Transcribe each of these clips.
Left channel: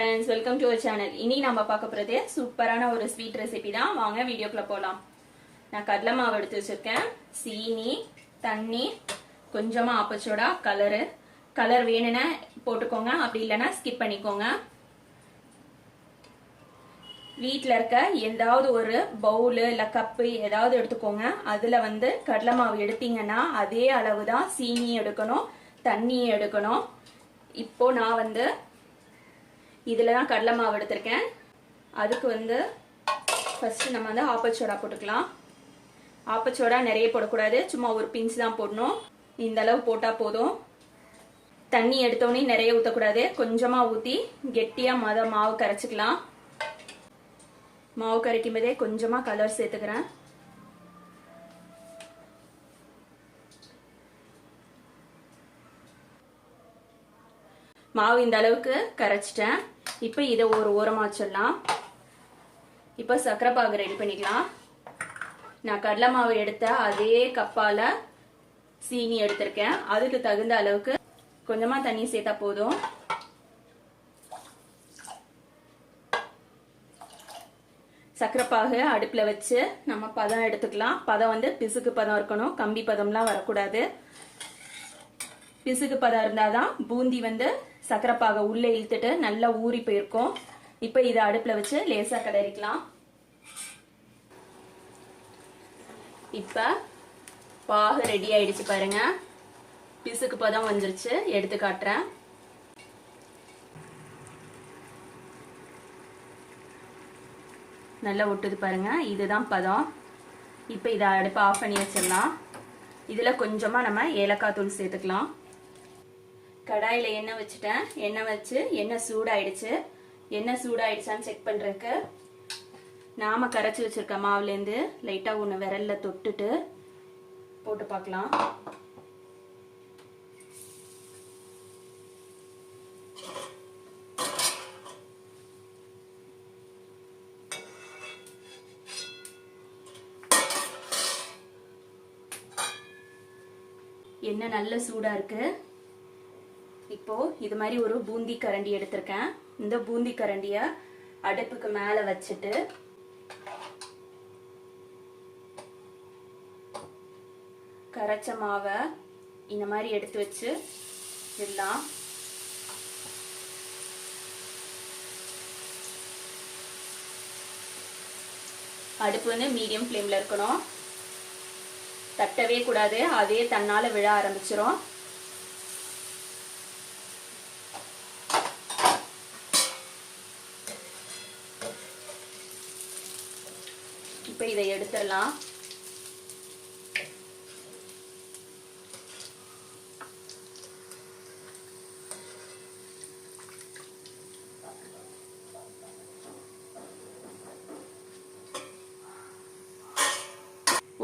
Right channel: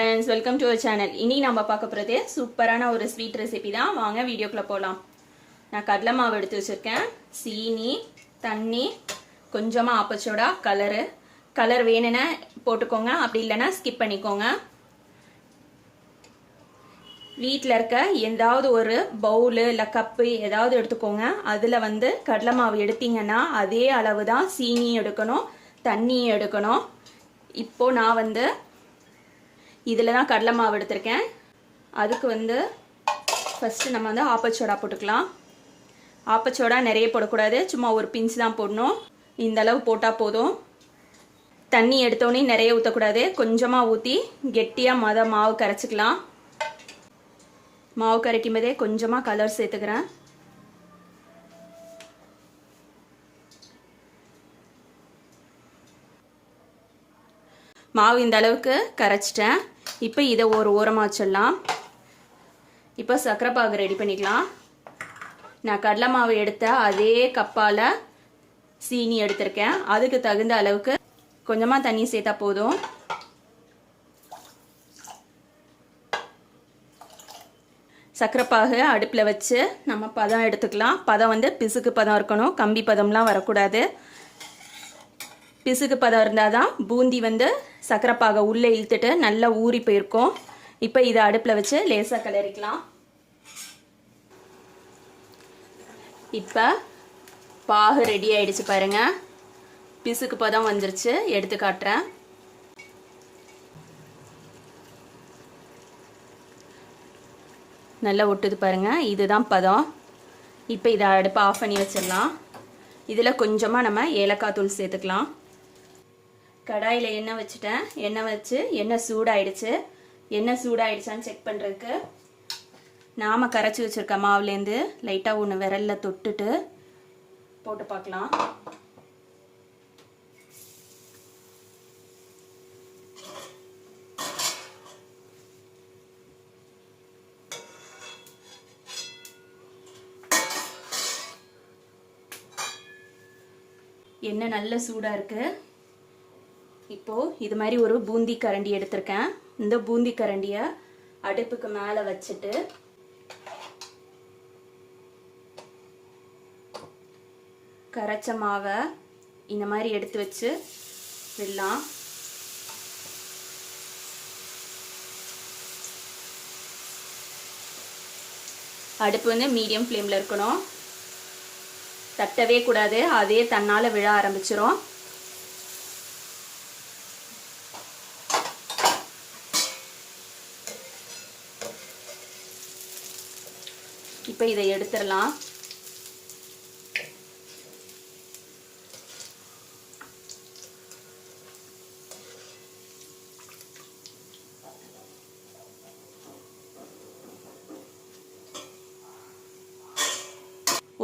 friends, welcome to our channel. இன்னைக்கு நம்ம பார்க்க போறது சூப்பரான ஒரு ஸ்வீட் ரெசிபி தான். வாங்க வீடியோக்குள்ள போலாம். நான் கடலை மாவு எடுத்து வச்சிருக்கேன். சீனி, தண்ணி, கொஞ்சமா ஆப்பச்சோடா, கலர் வேணும்னா போட்டுக்கோங்க, அப்படி இல்லனா ஸ்கிப் பண்ணிக்கோங்க. வீட்ல இருக்க ஏதாவது ஒரு பவுல் இல்ல கப் ஏதாவது எடுத்துக்கோங்க. அதுல கடலை மாவு எடுத்தீங்கன்னா அதே அளவு தான் சீனி எடுக்கணும், தண்ணி எடுக்கணும். இப்போ நான் இதில் தான் கடலை மாவு எடுத்திருக்கேன். அதுக்கு ஃபர்ஸ்ட் நம்ம ஆப்பச்சோடா போட்டுக்கலாம். ஆப்பச்சோடா நிறைய போடக்கூடாது, சும்மா ஒரு பிஞ்ச் தான் போடணும். இந்த அளவு போட்டால் போதும். தண்ணி எடுத்தோடனே நிறைய ஊற்றக்கூடாது, கொஞ்சமாக ஊற்றி கெட்டியாக மாவு கரைச்சிக்கலாம். மாவு கரைக்கும் போதே கொஞ்சமாக கலர் சேர்த்துக்கிறேன். மாவு இந்த அளவுக்கு கரைச்சிட்டேன். இப்போ இதை ஒரு ஓரமாக வச்சிடலாம். இப்போ சர்க்கரை பாகு ரெடி பண்ணிக்கலாம். நான் கடலை மாவு எடுத்த அதே கப்பால் சீனி எடுத்திருக்கேன். அதுக்கு தகுந்த அளவுக்கு கொஞ்சமாக தண்ணி சேர்த்தா போதும். சர்க்கரை பாகு அடுப்பில் வச்சு நம்ம பதம் எடுத்துக்கலாம். பதம் பிசுக்கு பதம் இருக்கணும், கம்பி பதம்லாம் வரக்கூடாது. பிசுக்கு பதம் இருந்தால் தான் பூந்தி சர்க்கரை பாகை உள்ளே இழுத்துட்டு நல்லா ஊறி போயிருக்கும். இப்போ இதை அடுப்பில் வச்சு லேசாக கிளறிக்கலாம். இப்போ பாகு ரெடி ஆயிடுச்சு பாருங்க. பிசுக்கு பதம் வந்துருச்சு, எடுத்து காட்டுறேன். நல்லா ஒட்டுது பாருங்க, இதுதான் பதம். இப்போ இதை அடுப்பை ஆஃப் பண்ணி வச்சிடலாம். இதில் கொஞ்சமாக நம்ம ஏலக்காய் தூள் சேர்த்துக்கலாம். கடாயில் எண்ணெய் வச்சுட்டேன். எண்ணெய் வச்சு எண்ணெய் சூடாயிடுச்சு. எண்ணெய் சூடாயிடுச்சான்னு செக் பண்ணுறதுக்கு நாம் கரைச்சி வச்சுருக்க மாவுலேருந்து லைட்டாக ஒன்று விரலில் தொட்டுட்டு போட்டு பார்க்கலாம். எண்ணெய் நல்ல சூடாக இருக்குது. இப்போ இது மாதிரி ஒரு பூந்தி கரண்டி எடுத்திருக்கேன். இந்த பூந்தி கரண்டியை அடுப்புக்கு மேலே வச்சுட்டு கரைச்ச மாவை இந்த மாதிரி எடுத்து வச்சு விடலாம். அடுப்பு மீடியம் ஃப்ளேமில் இருக்கணும், தட்டவே கூடாது, அதே தன்னால் விழ ஆரம்பிச்சிரும். இப்போ இதை எடுத்துடலாம்.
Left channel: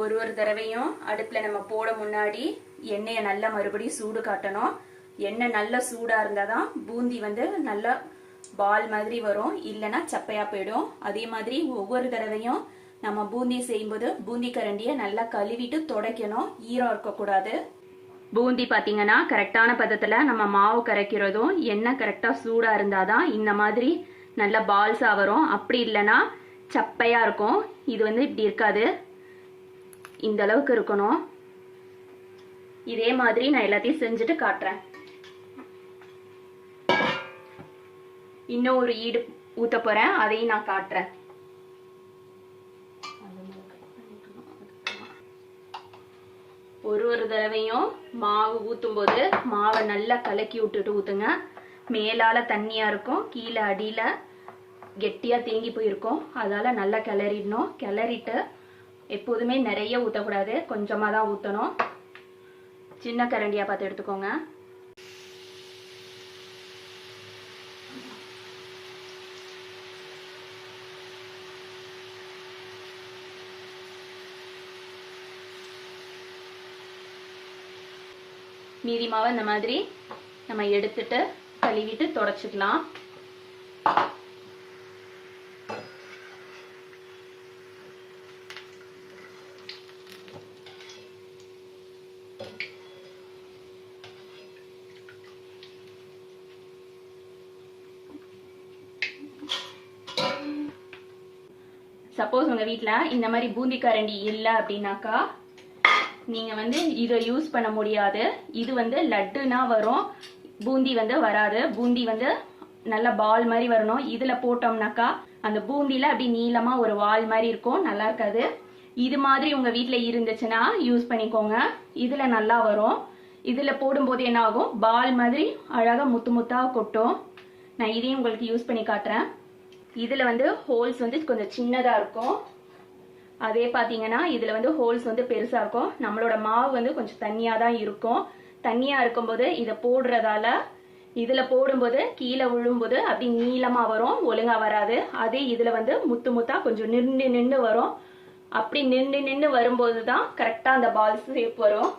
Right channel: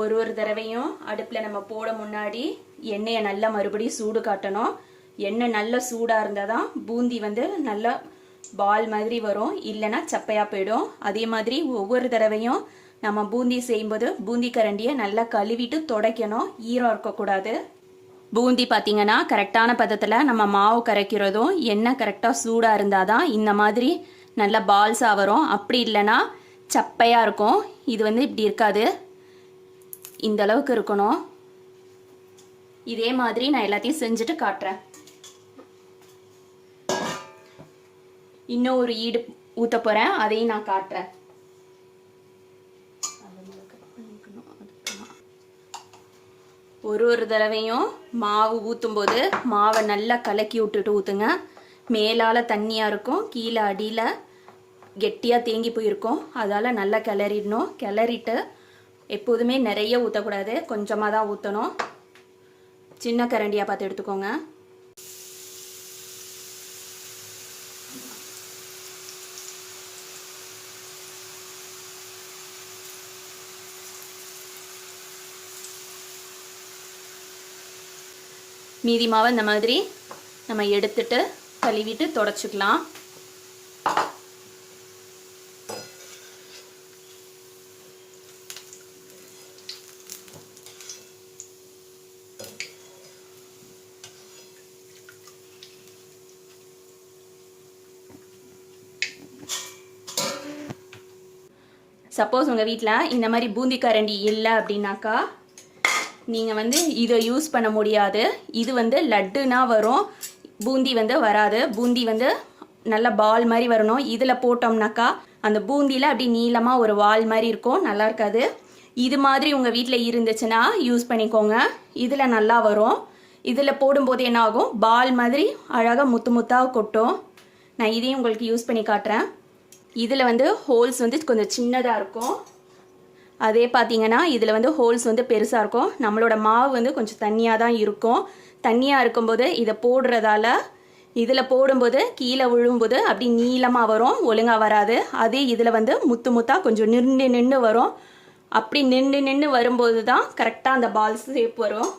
ஒரு தடவையும் அடுப்பில் நம்ம போட முன்னாடி எண்ணெயை நல்லா மறுபடியும் சூடு காட்டணும். எண்ணெய் நல்லா சூடாக இருந்தால் தான் பூந்தி நல்லா பால் மாதிரி வரும், இல்லைன்னா சப்பையாக போயிடும். அதே மாதிரி ஒவ்வொரு தடவையும் நம்ம பூந்தி செய்யும்போது பூந்தி கரண்டியை நல்லா கழுவிட்டு துடைக்கணும், ஈரம் இருக்கக்கூடாது. பூந்தி பார்த்தீங்கன்னா கரெக்டான பதத்தில் நம்ம மாவு கரைக்கிறதும் எண்ணெய் கரெக்டாக சூடாக இருந்தால் தான் இந்த மாதிரி நல்லா பால்ஸாக வரும். அப்படி இல்லைன்னா சப்பையாக இருக்கும். இது இப்படி இருக்காது, இந்த அளவுக்கு இருக்கணும். இதே மாதிரி நான் எல்லாத்தையும் செஞ்சுட்டு காட்டுறேன். இன்னும் ஒரு ஈடு ஊற்ற போகிறேன், அதையும் நான் காட்டுறேன். ஒரு தடவையும் மாவு ஊற்றும் போது மாவை நல்லா கலக்கி விட்டுட்டு ஊற்றுங்க. மேலால் தண்ணியாக இருக்கும், கீழே அடியில் கெட்டியாக தேங்கி போயிருக்கும். அதால் நல்லா கிளறிடணும். கிளறிட்டு எப்போதுமே நிறைய ஊற்றக்கூடாது, கொஞ்சமாக தான் ஊற்றணும். சின்ன கரண்டியாக பார்த்து எடுத்துக்கோங்க. மீதி மாவை இந்த மாதிரி நம்ம எடுத்துட்டு கழுவிட்டு தொடச்சிக்கலாம். சப்போஸ் உங்கள் வீட்டில் இந்த மாதிரி பூந்தி கரண்டி இல்லை அப்படின்னாக்கா நீங்கள் வந்து இதை யூஸ் பண்ண முடியாது. இது வந்து லட்டுனா வரும், பூந்தி வந்து வராது. பூந்தி வந்து நல்லா பால் மாதிரி வரணும். இதில் போட்டோம்னாக்கா அந்த பூந்தியில் அப்படி நீளமாக ஒரு வால் மாதிரி இருக்கும், நல்லா இருக்காது. இது மாதிரி உங்கள் வீட்டில் இருந்துச்சுன்னா யூஸ் பண்ணிக்கோங்க, இதில் நல்லா வரும். இதில் போடும்போது என்ன ஆகும், பால் மாதிரி அழகாக முத்து முத்தாக கொட்டும். நான் இதையும் உங்களுக்கு யூஸ் பண்ணி காட்டுறேன். இதில் வந்து ஹோல்ஸ் வந்து கொஞ்சம் சின்னதாக இருக்கும், அதே பார்த்தீங்கன்னா இதில் வந்து ஹோல்ஸ் வந்து பெருசாக இருக்கும். நம்மளோட மாவு வந்து கொஞ்சம் தண்ணியாக தான் இருக்கும். தண்ணியாக இருக்கும்போது இதை போடுறதால இதில் போடும்போது கீழே விழும்போது அப்படி நீளமாக வரும், ஒழுங்காக வராது. அதே இதில் வந்து முத்து முத்தாக கொஞ்சம் நின்று வரும். அப்படி நின்று வரும்போது தான் கரெக்டாக அந்த பால் ஷேப் வரும்.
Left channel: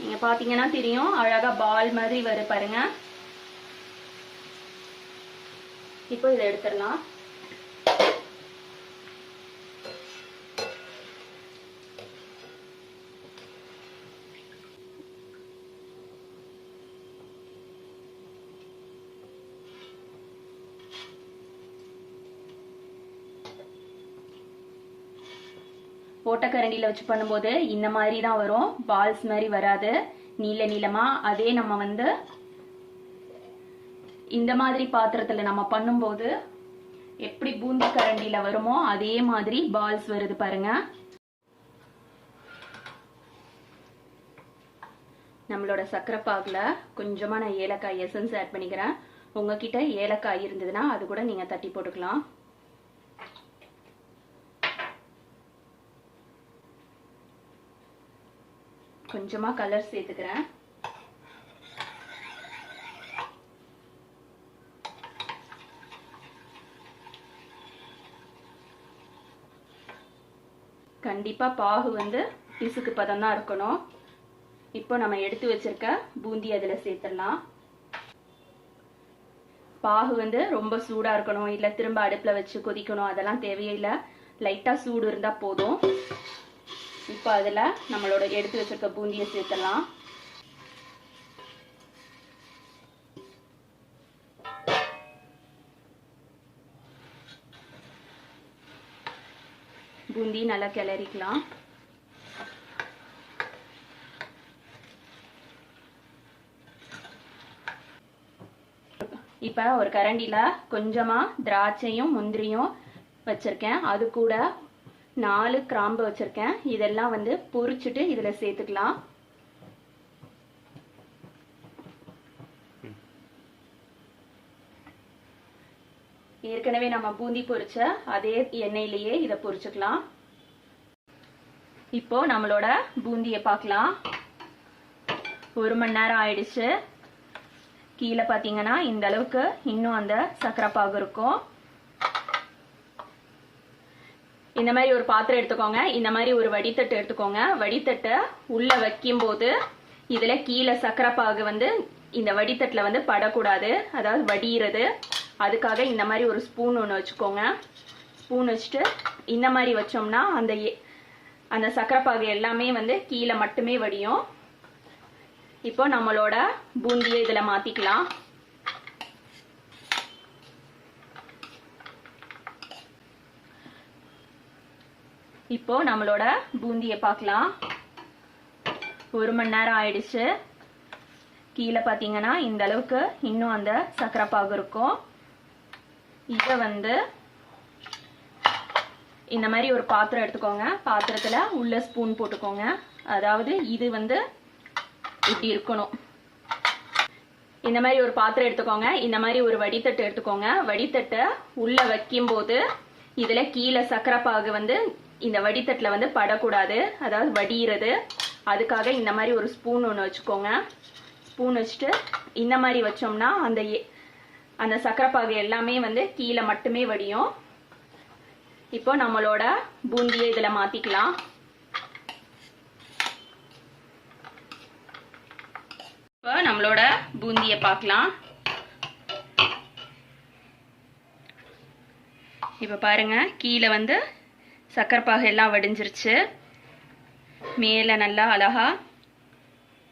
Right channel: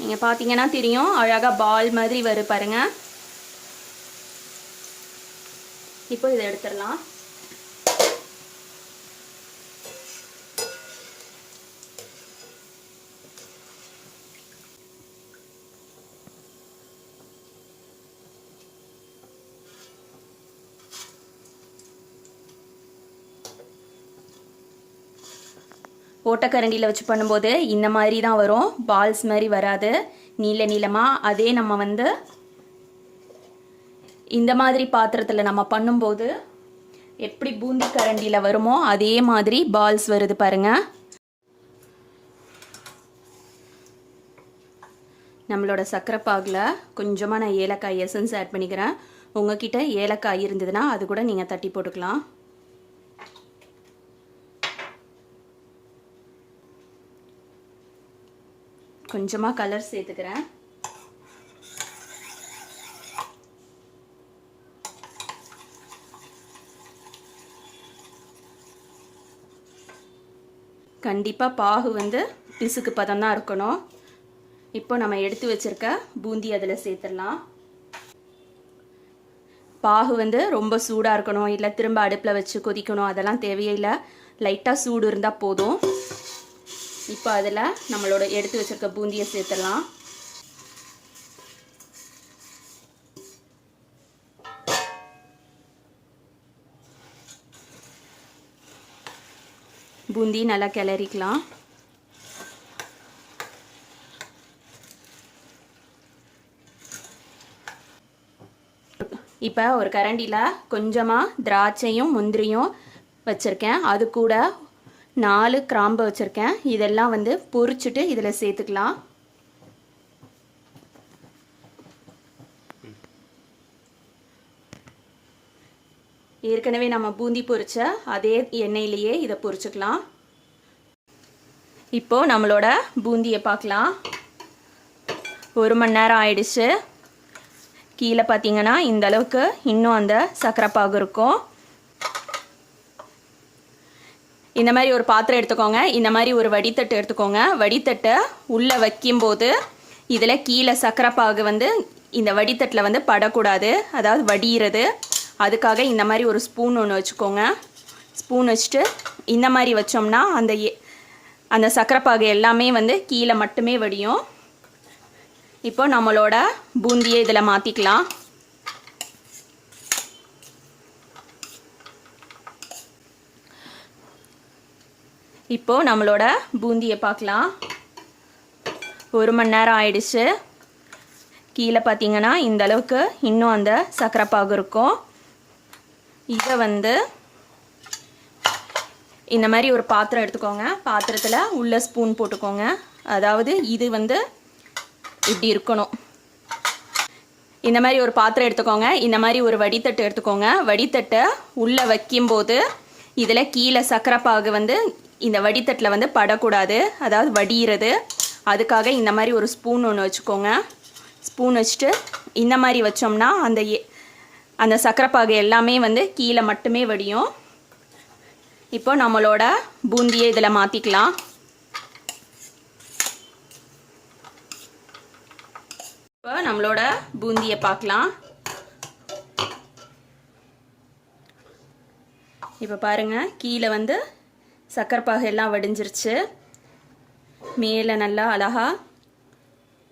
நீங்கள் பார்த்தீங்கன்னா தெரியும், அழகாக பால் மாதிரி வரும் பாருங்க. இப்போ இதை எடுத்துடலாம். ஓட்டக்கரண்டியில் வச்சு பண்ணும்போது இந்த மாதிரி தான் வரும், பால்ஸ் மாதிரி வராது, நீளமாக. அதே நம்ம வந்து இந்த மாதிரி பாத்திரத்தில் நம்ம பண்ணும்போது எப்படி பூந்தி கரண்டியில் வருமோ அதே மாதிரி பால்ஸ் வருது பாருங்க. நம்மளோட சர்க்கரை பாகில் கொஞ்சமாக நான் ஏலக்காய் எசன்ஸ் ஆட் பண்ணிக்கிறேன். உங்ககிட்ட ஏலக்காய் இருந்ததுன்னா அது கூட நீங்கள் தட்டி போட்டுக்கலாம். கொஞ்சமாக கலர் சேர்த்துக்கிறேன். கண்டிப்பாக பாகு வந்து பிசுக்கு பதம் தான் இருக்கணும். இப்போ நம்ம எடுத்து வச்சிருக்க பூந்தி அதில் சேர்த்துடலாம். பாகு வந்து ரொம்ப சூடாக இருக்கணும், இல்லை திரும்ப அடுப்பில் வச்சு கொதிக்கணும், அதெல்லாம் தேவையில்லை. லைட்டாக சூடு இருந்தால் போதும். இப்போ அதில் நம்மளோட எடுத்து வச்சிருக்க பூந்தியை சேர்த்துடலாம். பூந்தி நல்லா கிளறிக்கலாம். இப்போ ஒரு கரண்டியில் கொஞ்சமாக திராட்சையும் முந்திரியும் வச்சுருக்கேன், அது கூட 4 கிராம்பு வச்சுருக்கேன். இதெல்லாம் வந்து பொரிச்சுட்டு இதில் சேர்த்துக்கலாம். ஏற்கனவே நம்ம பூந்தி பொரிச்ச அதே எண்ணெயிலேயே இதை பொரிச்சுக்கலாம். இப்போ நம்மளோட பூந்தியை பார்க்கலாம். 1 மணி நேரம் ஆயிடுச்சு. கீழே பார்த்தீங்கன்னா இந்த அளவுக்கு இன்னும் அந்த சர்க்கரை பாகு இருக்கும். இந்த மாதிரி ஒரு பாத்திரம் எடுத்துக்கோங்க, இந்த மாதிரி ஒரு வடித்தட்டு எடுத்துக்கோங்க. வடித்தட்டை உள்ளே வைக்கும்போது இதில் கீழே சர்க்கரை பாகு வந்து இந்த வடித்தட்டில் வந்து படக்கூடாது, அதாவது வடிகிறது. அதுக்காக இந்த மாதிரி ஒரு ஸ்பூன் ஒன்று வச்சுக்கோங்க. ஸ்பூன் வச்சுட்டு இந்த மாதிரி வச்சோம்னா அந்த சர்க்கரை பாகு எல்லாமே வந்து கீழே மட்டுமே வடியும். இப்போ நம்மளோட பூந்தியை இதில் மாற்றிக்கலாம். இப்போ நம்மளோட பூந்தியை பார்க்கலாம். 1 மணி நேரம் ஆயிடுச்சு. கீழே பார்த்தீங்கன்னா இந்த அளவுக்கு இன்னும் அந்த சர்க்கரை பாகு இருக்கும். இதை வந்து இந்த மாதிரி ஒரு பாத்திரம் எடுத்துக்கோங்க. பாத்திரத்தில் உள்ள ஸ்பூன் போட்டுக்கோங்க. அதாவது இது வந்து இப்படி இருக்கணும். இந்த மாதிரி ஒரு பாத்திரம் எடுத்துக்கோங்க, இந்த மாதிரி ஒரு வடித்தட்டு எடுத்துக்கோங்க. வடித்தட்டை உள்ளே வைக்கும்போது இதில் கீழே சர்க்கரை பாகு வந்து இந்த வடித்தட்டில் வந்து படக்கூடாது, அதாவது வடிகிறது. அதுக்காக இந்த மாதிரி ஒரு ஸ்பூன் ஒன்று வச்சுக்கோங்க. ஸ்பூன் வச்சுட்டு இந்த மாதிரி வச்சோம்னா அந்த சர்க்கரை பாகு எல்லாமே வந்து கீழே மட்டுமே வடியும். இப்போ நம்மளோட பூந்தியை இதில் மாற்றிக்கலாம். இப்போ நம்மளோட பூந்தியை பார்க்கலாம். இப்போ பாருங்கள், கீழே வந்து சக்கரை பாகு எல்லாம் வடிஞ்சிருச்சு. மேலே நல்லா அழகா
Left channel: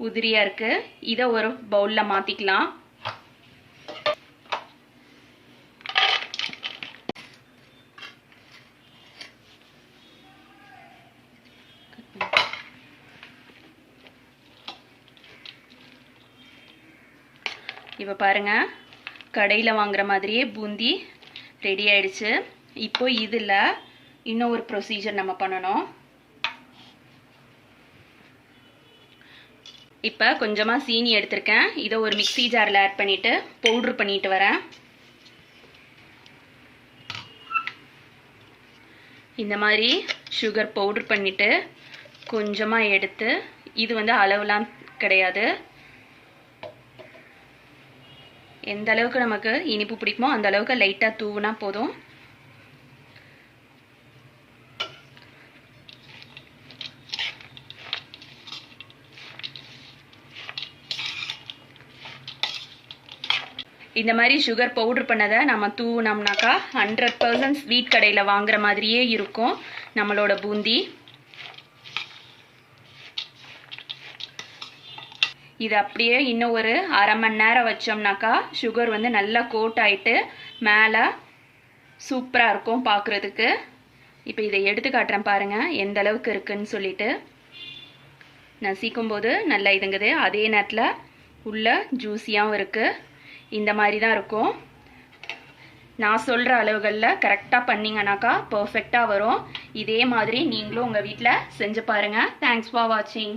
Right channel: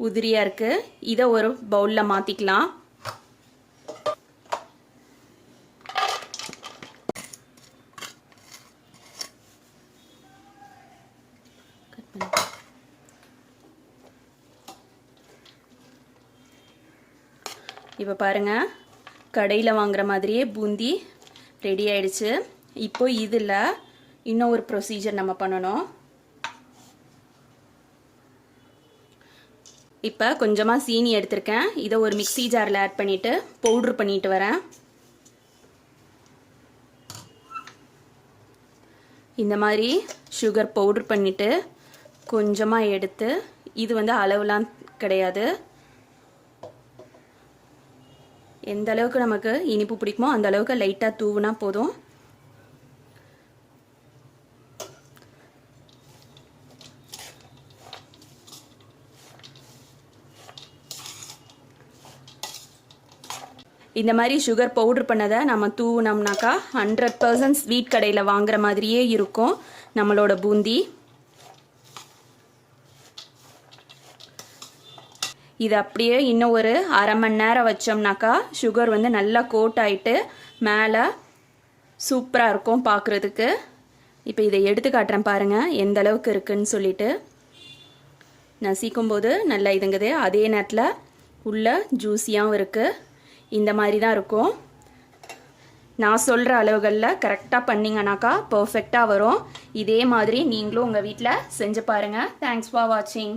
உதிரியாக இருக்குது. இதை ஒரு பவுலில் மாற்றிக்கலாம். இப்போ பாருங்கள், கடையில் வாங்குற மாதிரியே பூந்தி ரெடி ஆயிடுச்சு. இப்போ இதில் இன்னும் ஒரு ப்ரொசீஜர் நம்ம பண்ணணும். இப்போ கொஞ்சமாக சீனி எடுத்திருக்கேன். இதை ஒரு மிக்ஸி ஜாரில் ஆட் பண்ணிவிட்டு பவுட்ரு பண்ணிட்டு வரேன். இந்த மாதிரி சுகர் பவுட்ரு பண்ணிவிட்டு கொஞ்சமாக எடுத்து, இது வந்து அளவுலாம் கிடையாது, எந்த அளவுக்கு நமக்கு இனிப்பு பிடிக்குமோ அந்த அளவுக்கு லைட்டாக தூவுனா போதும். இந்த மாதிரி சுகர் பவுடர் பண்ணதை நம்ம தூவுனோம்னாக்கா 100% ஸ்வீட் கடையில் வாங்குற மாதிரியே இருக்கும் நம்மளோட பூந்தி. இது அப்படியே இன்னும் ஒரு அரை மணி நேரம் வச்சோம்னாக்கா சுகர் வந்து நல்லா கோட் ஆகிட்டு மேலே சூப்பராக இருக்கும் பார்க்குறதுக்கு. இப்போ இதை எடுத்து காட்டுறேன் பாருங்கள் எந்த அளவுக்கு இருக்குன்னு சொல்லிட்டு. நசிக்கும்போது நல்லா இதுங்குது, அதே நேரத்தில் உள்ள ஜூஸியாகவும் இருக்குது. இந்த மாதிரி தான் இருக்கும். நான் சொல்கிற அளவுகளில் கரெக்டாக பண்ணிங்கனாக்கா பர்ஃபெக்டாக வரும். இதே மாதிரி நீங்களும் உங்கள் வீட்டில் செஞ்சு பாருங்கள். தேங்க்ஸ் ஃபார் வாட்சிங்.